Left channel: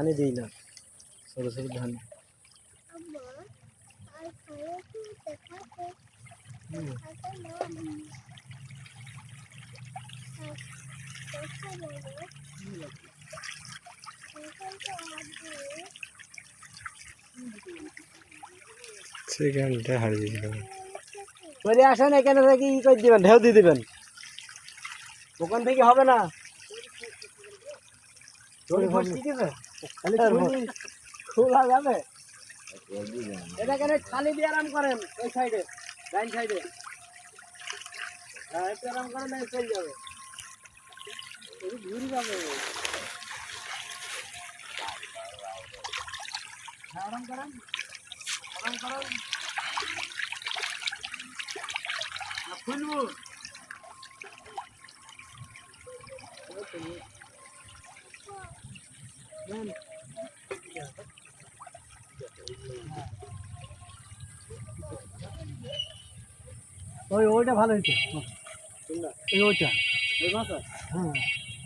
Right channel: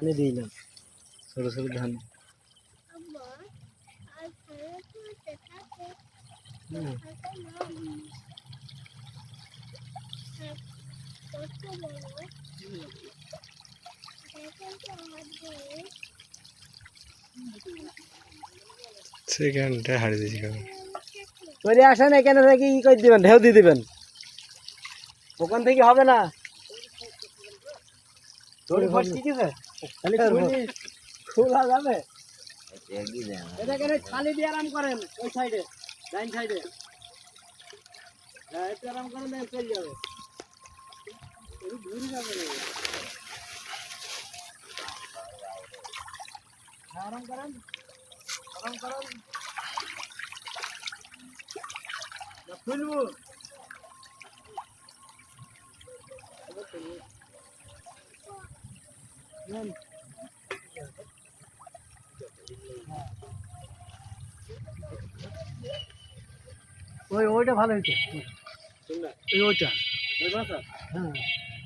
পানি দিই না ছোট ছোট ধান সেখানটা হারিয়ে দিয়েছি করে আসেন এখানে থেকে ই করে দিবেন ঢেউ দিয়ে দিবেন ওখান থেকে হবে না খোলা যাবে এটা কেন খালি দিয়ে আরাম করেন ওই সাইডে ডাইন সাইডে হ্যাঁ একটু আরাম করেন চলে যাবে ঘুরে যাবে আরাম করেন আরাম করেন খুলবো ওইটা ভালো হয়েছে ওইটা ওই ভাষা হ্যাঁ